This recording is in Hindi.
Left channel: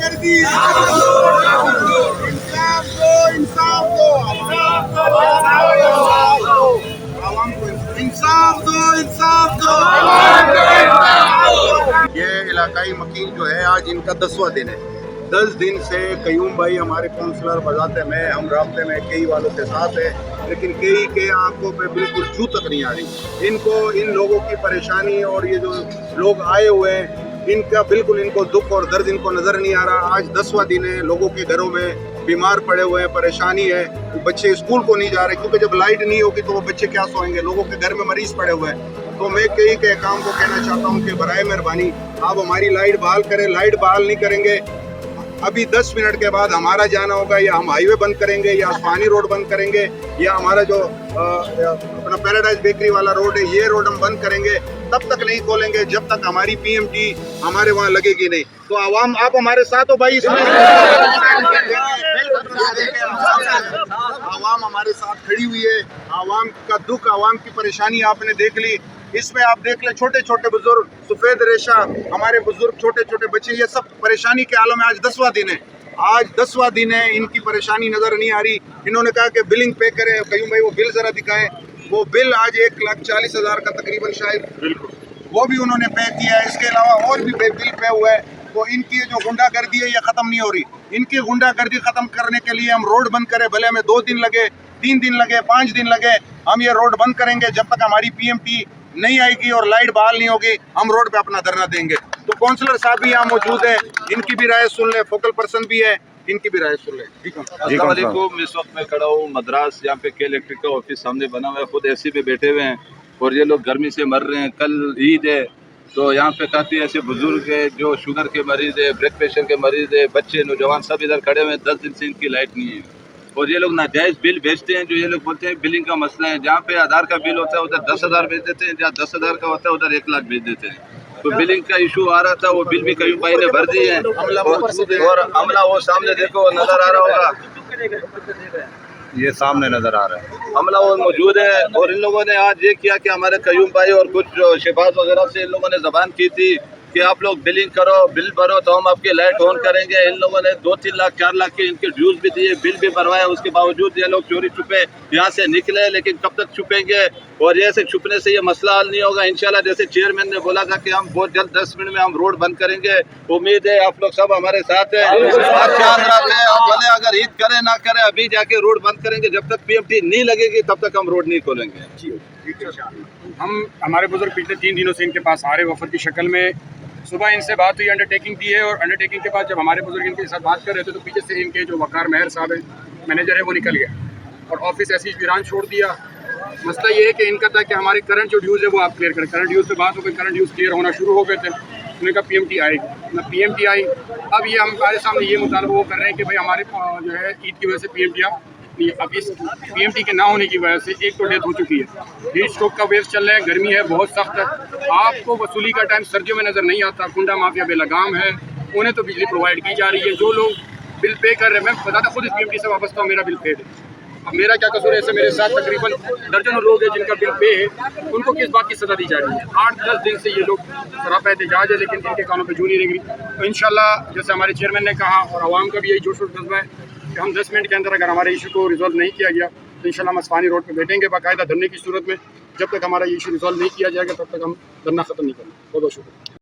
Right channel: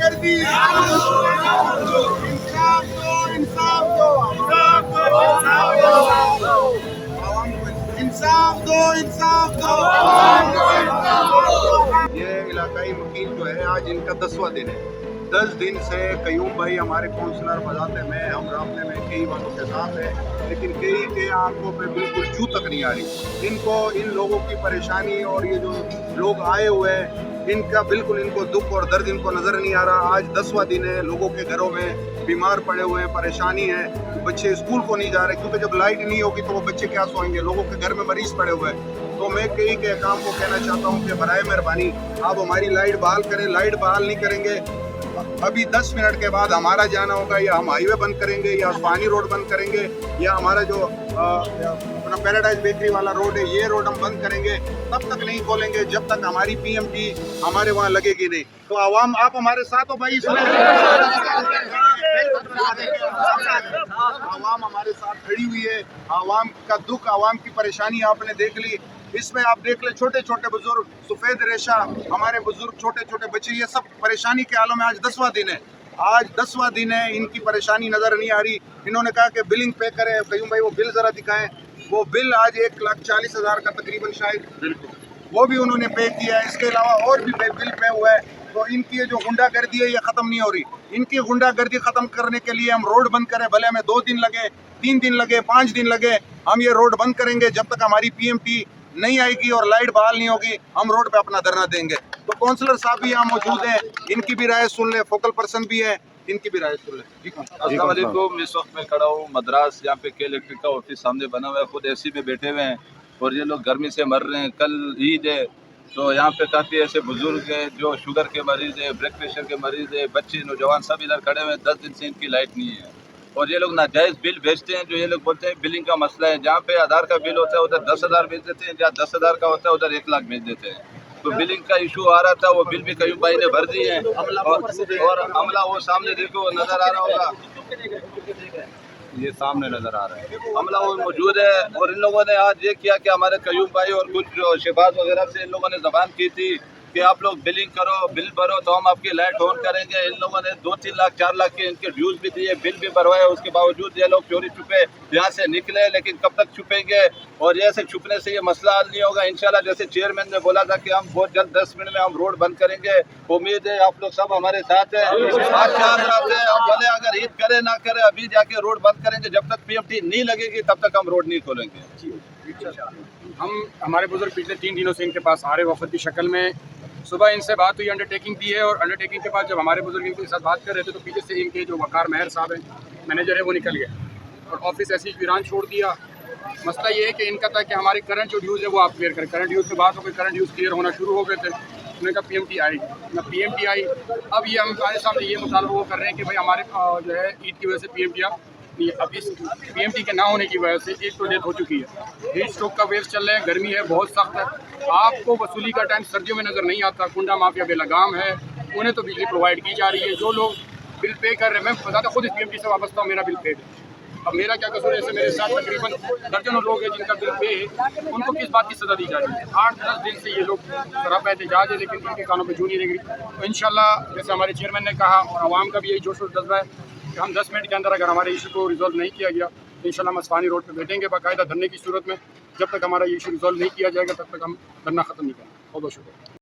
गुंडागर्दी, इंसाफ दो, इंसाफ दो, आवाम को इंसाफ दो, इंसाफ दो। ये इलाकाई वकील जो है आज इनका 10वां दिन है। 10 दिन से कयूम भाई हमारे काउंसलर बजाते में हम राब्ते में कई वालों के साथ है, लेकिन कई के आंखों पे बिल्कुल छू तक नहीं आ रही। इनको इन लोगों की परेशानी और ये जो लोग आए हुए हैं इनका बिल्कुल इनको दुख और दर्द इनको नज़र नहीं आ रहा। आज 10वां दिन है, लोगों के घरों में बीमार पड़े हुए हैं, परेशानी है, बच्चे स्कूल को नहीं जा रहे क्योंकि जब लाइट नहीं होगी तो वो बच्चे क्या सोएंगे, लोगों के घर में मरीज पड़े हुए हैं। तो मैं कई के काम को कहना चाहता हूँ कि बराए मेहरबानी आप हमारी लाइट बहाल करें। लाइट बहाल नहीं करेंगे अभी 10 मिनट के बाद हमारा जाना होगा, या हम हाईवे बंद करेंगे, या उस्मानी रोड बंद करेंगे, या हमारा जो अपना पैराडाइज बेकरी वाला रोड है ये रोड हम बंद करेंगे। तब तक नहीं खोलेंगे जब तक हमारी पीएमटी हमारे वहाँ लगेगी नहीं। तो आवाम आप हमारे साथ हो भाई, इसमें आवाम हमारे साथ खड़ी हुई है। आवाम का दुख, आवाम की परेशानी आपने देख ली। इसमें आप देख ले छोटे छोटे बुजुर्ग, सफ़ेद रेशा, हमारे बुजुर्ग, छोटे छोटे बच्चे, ये सब परेशानी के आलम में। आज 10वां दिन है, आज 10वां दिन है, इनकी परेशानी नज़र नहीं आ रही। इन्होंने कहा कि बिलिंग पे करें। कयूम भाई वो बिल ज़रा दिखाएं। वो बिल आज 1,40,000 का तकरीबन शायद, बिल्कुल वो भी उन्होंने पे किया है। इसके अलावा और भी बिल पे हुए हैं। तो इनकी जो गुंडागर्दी है ये ख़त्म नहीं हो रही। इनकी गुंडागर्दी ख़त्म करने के लिए हम रोड बंद करें, भले में 2 दिन लगे, 3 दिन लगे, 5 दिन लगे, हम ये रोड बंद करेंगे जब तक हमारी पीएमटी नहीं आएगी और लाइट बहाल नहीं होगी। हम रोड पे अपना धरना देंगे। तो काउंसलर साहब भी यहाँ मौजूद है, इनकी भी राय सुन ले, फोकल पर्सन भी है, इनकी भी राय सुन ले। अस्सलाम वालेकुम। इस वक्त मैं खड़ा हूँ मद्रास, यहाँ पे के इलेक्ट्रिक का ऑफिस सामने बना हुआ है। खुद एसी में बैठे हुए हैं और ये लोग गर्मी से मर रहे हैं। कल ईद है तो यहाँ पे काफ़ी ऐसे बुजुर्ग है जो शुगर के मरीज़ है, ब्लड प्रेशर के मरीज़ है, बच्चे, नौजवान सब इधर खड़े हुए हैं। 10 दिन से इनकी लाइट नहीं है और ये लोग नाजायज़ बिल भेजते हैं। जो ये लोग बोलते हैं बिलिंग का मसला है, जहाँ पे आधार का बिल होता है उधर 10,000 भेज देते हैं, जहाँ 10,000 का होता है उधर 1 लाख भेज देते हैं। तो बिलिंग का इशू आ रहा था, वो बिल भी कयूम भाई ने भर दिए हैं और अमला वो सामने देखो नज़र आ रहा होगा, ये सामने नज़र आ रहा है, अमला वो मौजूद है। और इन लोगों ने आज ये किया कि हमारे कयूम भाई और कुछ शहबाज वगैरह से इन लोगों ने ज़बान की थी कि आप लोग बिलिंग करो, बिल भरो तो हम आपकी लाइट ऑन करेंगे। इन लोगों ने 2-3 लाख 4 लाख के इनके ड्यूज भी दिए, बिल भी भरवाए। उसके बावजूद ये लोग चोरी छुपे यहाँ से निकले, लेकिन कब तक छुपेंगे और ये ऐसे छुपने से ये मसला हल नहीं होगा इंशाल्लाह। जैसे चेयरमैन ने बोला था कि हम बहुत जल्द 10 मिनट में हम रोड बंद करेंगे। उम्मीद है आप लोग सब हमारे साथ हैं। ख्याल रखें, हम भले अगर ईद करें ना करें, अभी जाके रोड बंद करेंगे। जब तक पीएमटी नहीं लगेगी तब तक हम रोड नहीं खोलेंगे। हम हमारे बुजुर्ग पिछले 3 दिनों से इनके पास आ रहे वफद की शक्ल में। सुबह इनसे बात हुई, अंडरटेकिंग दी है, और अंडरटेकिंग के बाद जब हमारे बुजुर्ग इनके साथ बात कर रहे थे तो पीछे से इनके जो वकार महर साहब है, मैनेजर है, वो निकल गया और ऑफिस ऐसी वीरान छोड़ दिया। मसला ये है कि इनका था कि हमारे करंट जो ड्यूज़ है वो आप क्लियर करें। करंट ड्यूज़ पे बात हो गई, करंट ड्यूज़ क्लियर होना शुरू हो गए थे। उन्होंने कहा पीएमटी आएगी ना, पीएमटी आई। अब ये हमारे सामने ये मुतालबा वो कर रहे हैं कि भाई हमारे जो है ईद की वजह से पीएमटी अब इस पीएमटी के ना होने की वजह से एक तो डेथ हो चुकी है, हीट स्ट्रोक का वेव चल रहा है, गर्मी है, बहुत सख्त है। आपको वसूली का टाइम सर्दियों में नज़र नहीं आता। गुंडा माफिया बेलगाम है, उन्हें तो बिजली प्रोवाइड की जा रही है। जो लोग बिल पे कर रहे हैं, मैं बताता खुद इस पीएमटी से वाबस्ता हूँ, मेरा बिल पेड है। अब मेरा क्या कसूर है? ऐसे मेरे साथ तकरीबन दर्जनों लोग हैं जिनका बिल पे है, उनको किस बात की सज़ा दी जा रही है? 8-10 दिन से ये लोग सरापा एहतजाज है, लेकिन इनके कानों पर जू नहीं लग रही। तो इंशाल्लाह जैसे हमारे चेयरमैन ने कहा और आवाम का भी यही जोश और जज्बा है कि हम 10 मिनट के अंदर अगर हमारे इशू को रिजॉल्व नहीं किया गया तो इंशाल्लाह हम अस्मानी रोड पे बैठेंगे बाकायदा धरने की सूरत में। जब तक हमारा इशू रिजॉल्व नहीं किया जाएगा तब तक हम धरना ख़त्म नहीं करेंगे। बहुत बहुत शुक्रिया।